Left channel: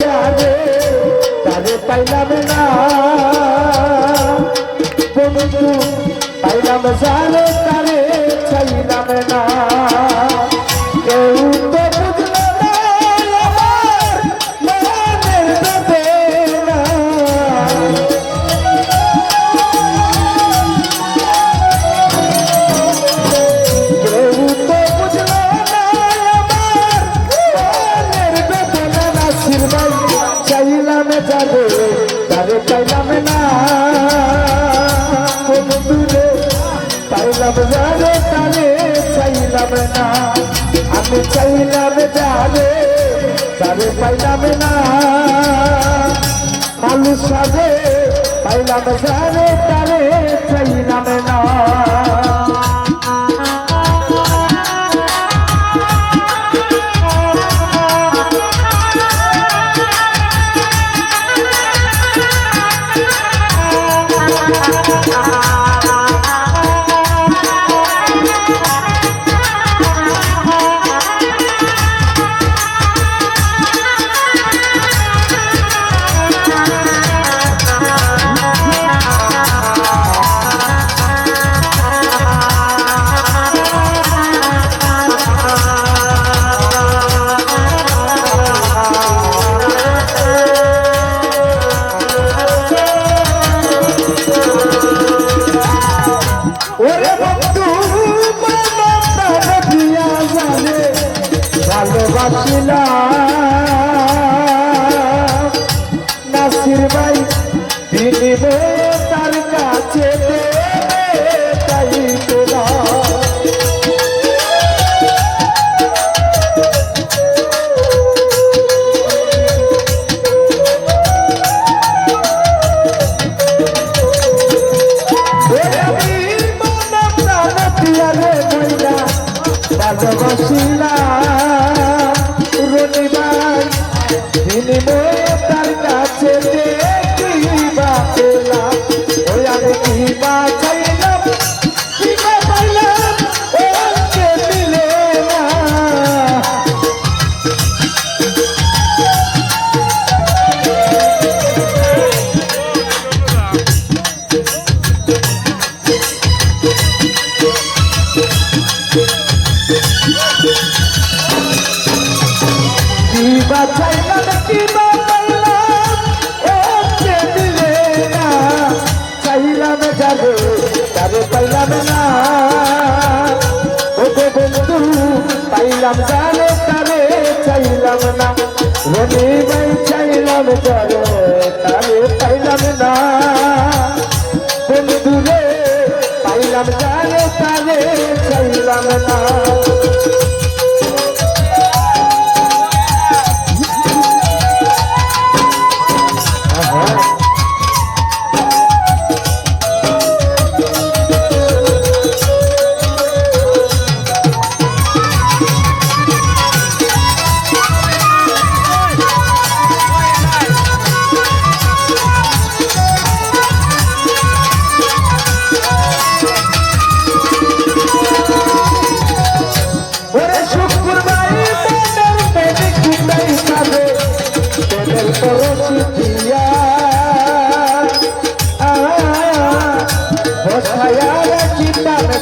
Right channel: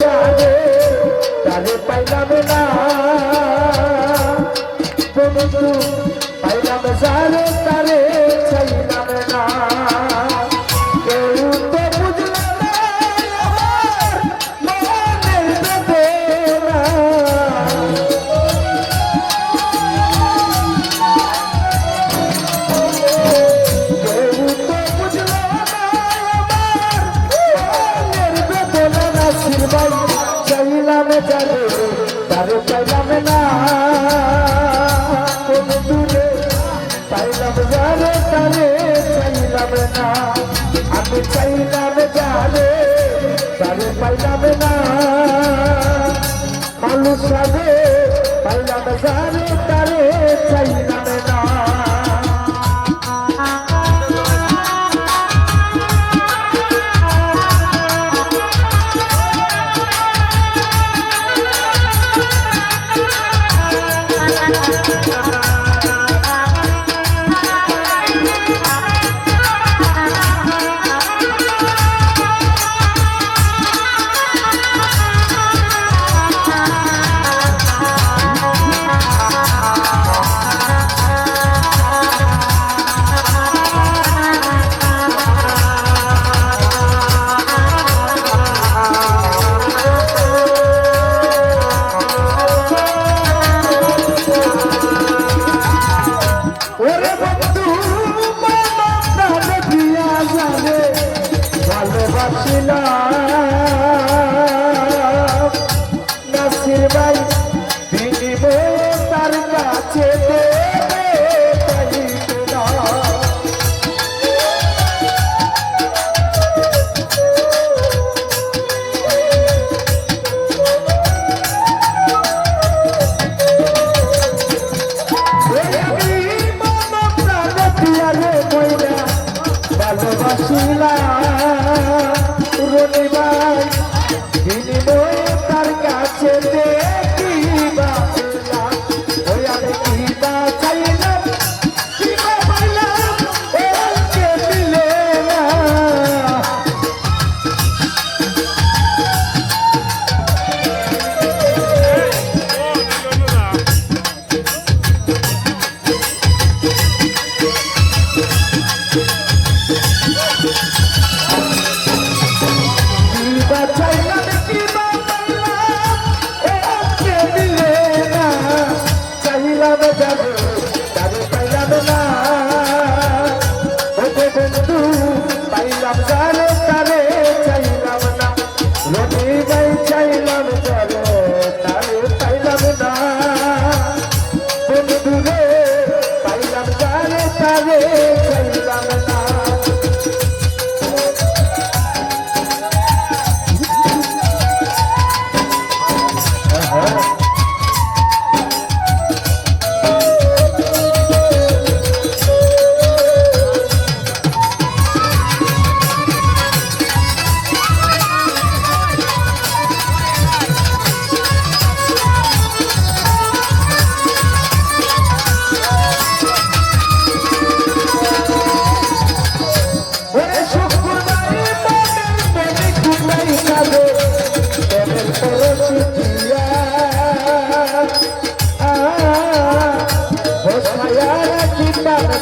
তারে পাইলাম না বন্ধু পাইলাম যারে তারে চাইলাম না কেউ তো বুঝলো না আমার মনের বেদনা কেউ তো বুঝলো না আমার মনের বেদনা নাসির ভাই চাইলাম যারে তারে পাইলাম না বন্ধুরে পাইলাম যারে তারে চাইলাম না আমি চাইলাম যারে তারে পাইলাম না মানুষ হবে পাইলাম যারে তারে চাইলাম না নাসির ভাই বিনিময়ে তার কাছে চাইতো না বিনিময়ে তার কাছে কিবা পেলাম ওই আমি কিবা চাইলাম কিবা পাইলাম ওকে দিলে না কিবা চাইলাম কিবা পাইলাম ওকে দিলে না চাইলাম যাবে তারে পাইলাম না ওকে বন্ধু পাইলাম যারে তারে চাইলাম না রনি ভাই চাইলাম যারে তারে পাইলাম না বন্ধু রে পাইলাম যারে তারে চাইলাম না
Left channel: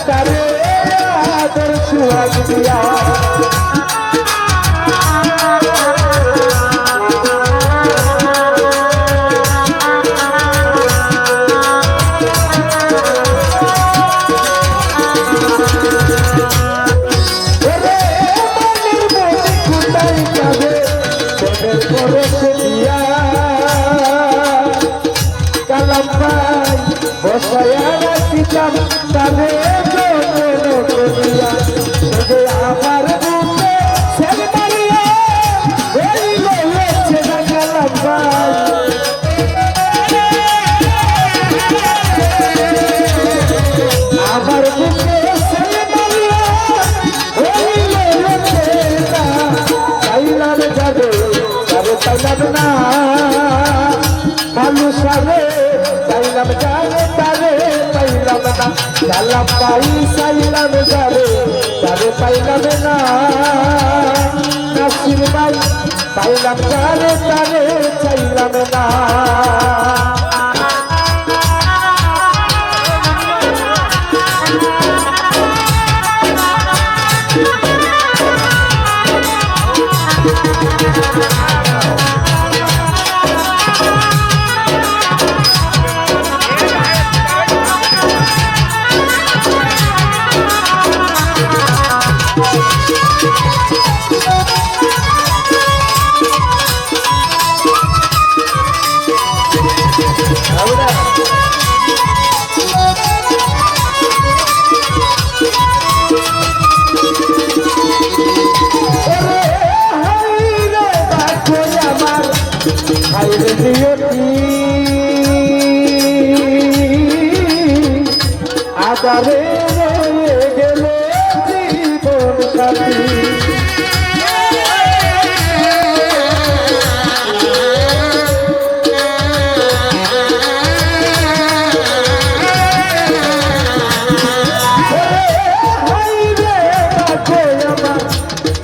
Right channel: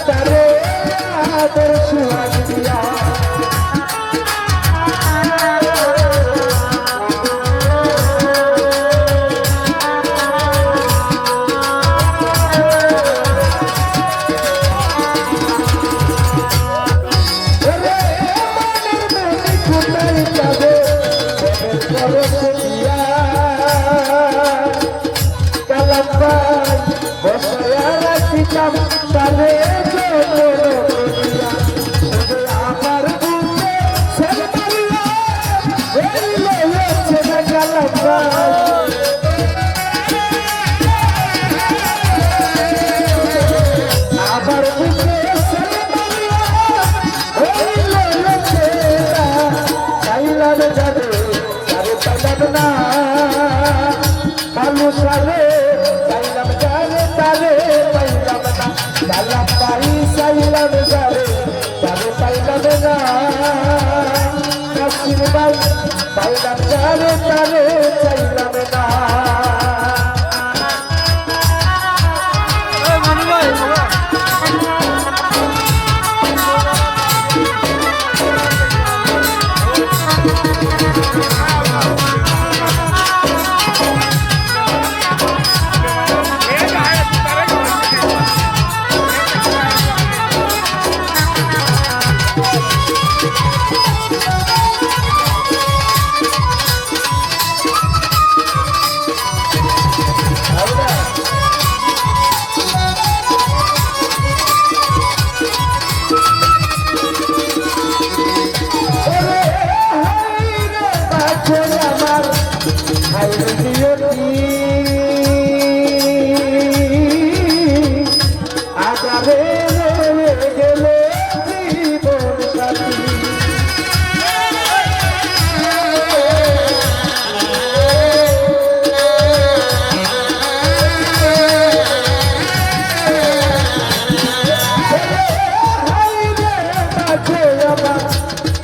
তারে আদর সুহাগ দিয়া কালাম ভাই বসায়া রাখিতাম তারে আমার বুকে ছেড়ে মারিয়া এই লয়েছে কালাম ভাই আমার বুকে ছেড়ে মারিয়া এই লয়েছে চাইলাম যাবে তারে পাইলাম না মানুষ হবে চাইলাম যারে তারে পাইলাম না চাইলাম পাই চাইলাম যারে তারে পাইলাম না নাসির ভাই পাইলাম যারে তারে চাইলাম না হাইরে দিয়তি আগারে রয়ে গেল জীবন সাথী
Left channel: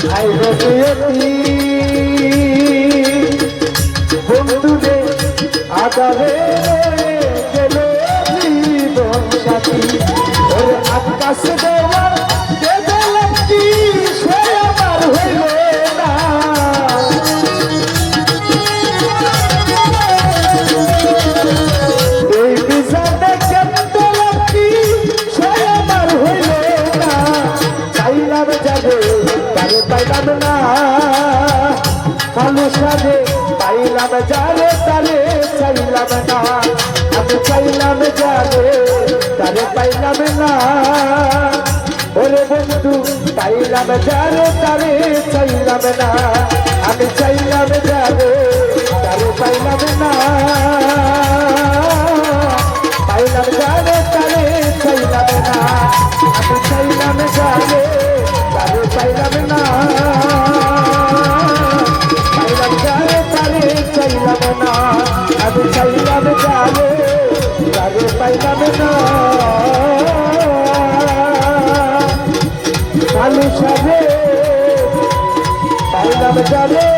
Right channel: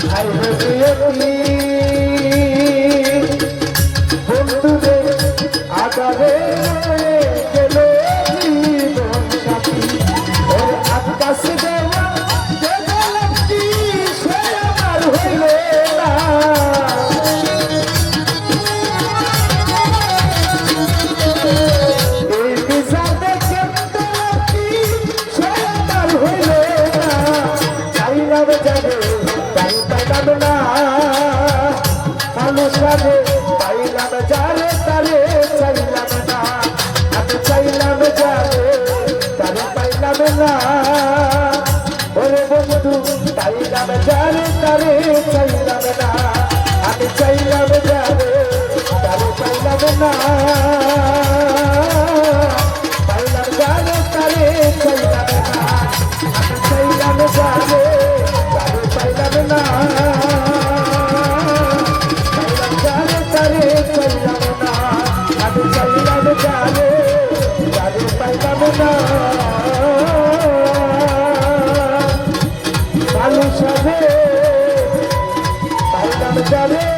হাইরে দিয়তি বন্ধুরে আগারে গেল জীবন সাথী ওরে আকাশ দেওয়া দেখলাম কি সে আমার হইল না এই বিজাতে কেমন কি সে আমার হইল না চাইলাম যাবে তারে পাইলাম না কালো সাজে পাইলাম যারে তারে চাইলাম না আমি চাইলাম যারে তারে পাইলাম না ওরে বন্ধু পাইলাম যারে তারে চাইলাম না আমি চাইলাম যারে তারে পাইলাম না পাইলাম যারে তারে চাইলাম না আমি চাইলাম যারে তারে পাইলাম না আমি চাইলাম যারে তারে পাইলাম না কালো সাজে পাইলাম যারে